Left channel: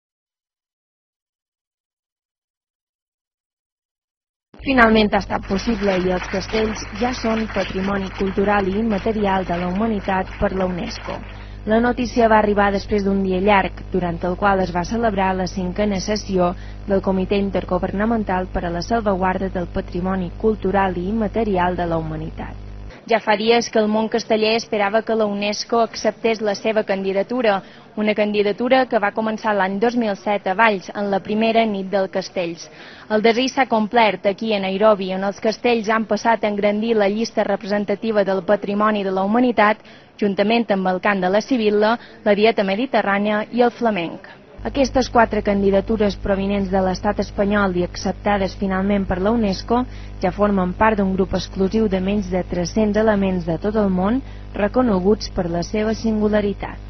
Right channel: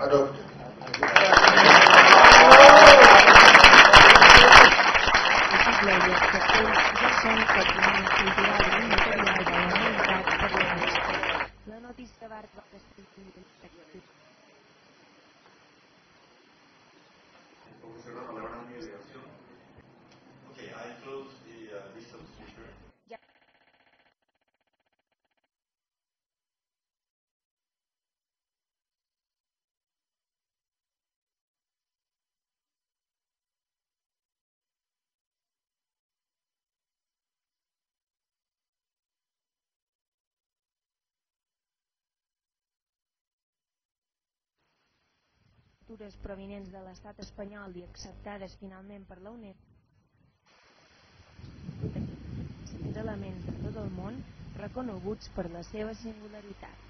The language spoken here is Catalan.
Adopted. Finalment ha estat possible i els castells ja són patrimoni cultural i immaterial de la humanitat per la UNESCO. La notícia va arribar després d'un dia llarg, durant el qual es va celebrar la 5a sessió del Comitè Intergovernamental per a la Salvaguarda del Patrimoni Cultural i Immaterial de la Humanitat. Ja fa dies que el món casteller esperava que la UNESCO acceptés la seva candidatura, una candidatura que va començar l'any 2007 a Valls, en la primera nit dels castells. El desig s'ha complert aquí a Nairobi, on els castells han passat a engrandir la llista representativa del patrimoni de la humanitat, juntament amb el cant de la sibil·la, la dieta mediterrània i el flamenc. Aquestes 4 candidatures provinents de l'estat espanyol i acceptades finalment per la UNESCO ja formen part d'un grup exclusiu de menys de 300 elements de tot el món reconeguts per la seva singularitat.